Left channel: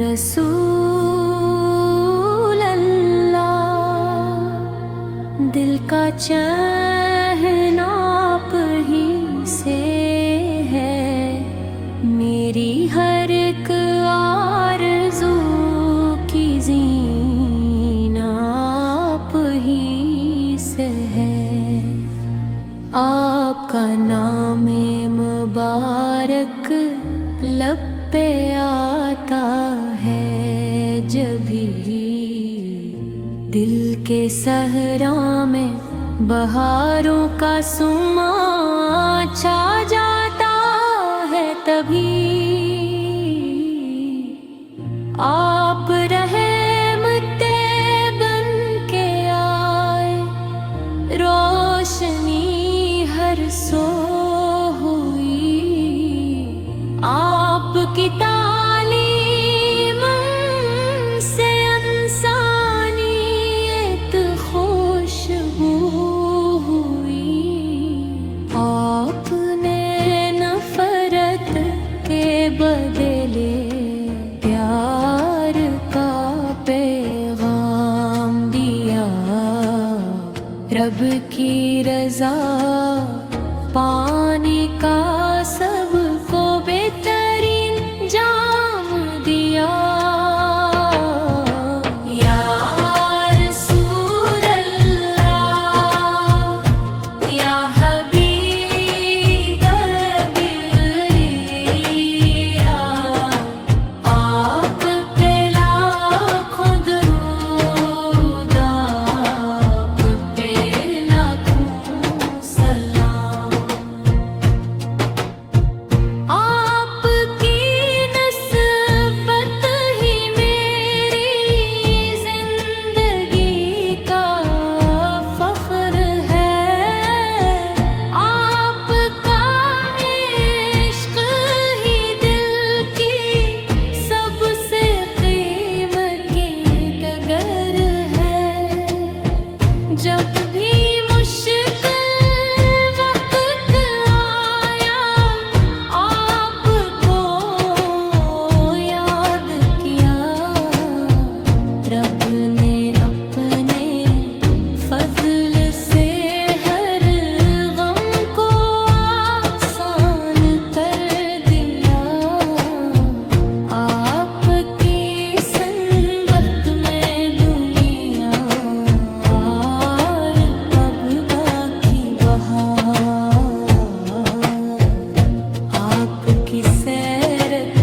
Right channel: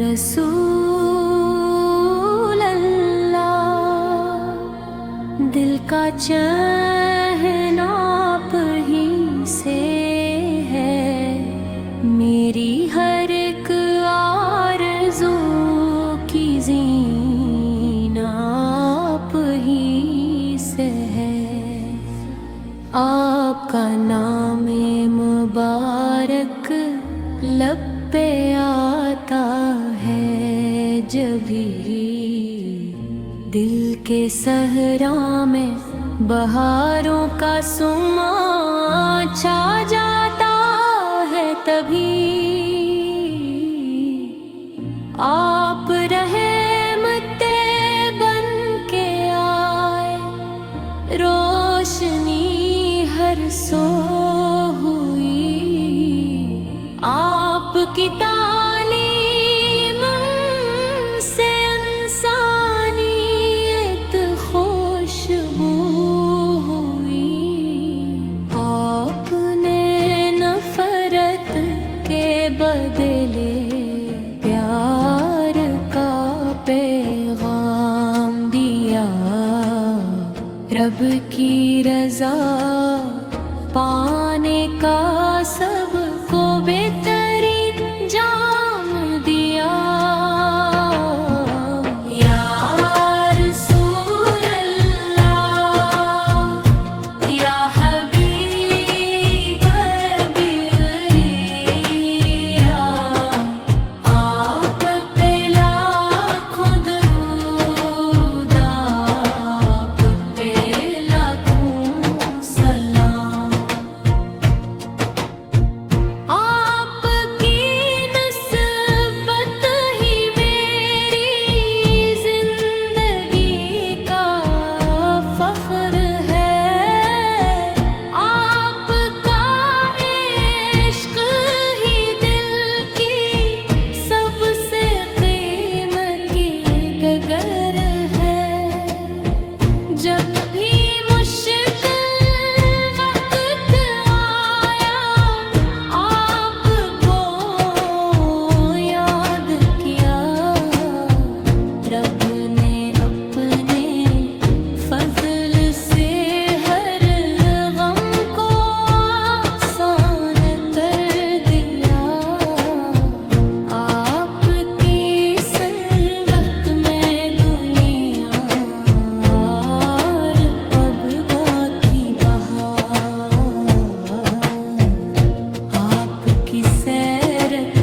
रसूल अल्लाह, दिल का चैन आप ही से है, मेरी हर एक आरज़ू की ज़ीना आप ही से है। आपका नाम मुबारक लब पे आता है जब भी दिल के सहरा में बहारों का सुमा छा जाता है, तभी आप रहमते बन के आए, रोशनी हर सो हुई, आपकी तालीम से इंसानियत खुशबू हुई। आपने नफरत के बदले प्यार का पैगाम दिया, रब की रजा पाने का सबको बेहतरीन जाम दिया। या रसूल अल्लाह, या हबीब अल्बिया, आप पे लाखों दुरूद, आप पे लाखों सलाम। आपकी नस्बत ही मेरी जिंदगी का फख्र है, आपका इश्क ही दिल की सबसे कीमती डगर है। जब भी मुश्किल वक्त आया, आपको याद किया, रब ने अपने फजल से हर गम को आसान कर दिया। आपकी संगत में दुनिया और अब बाकी बहार, आपकी सैरत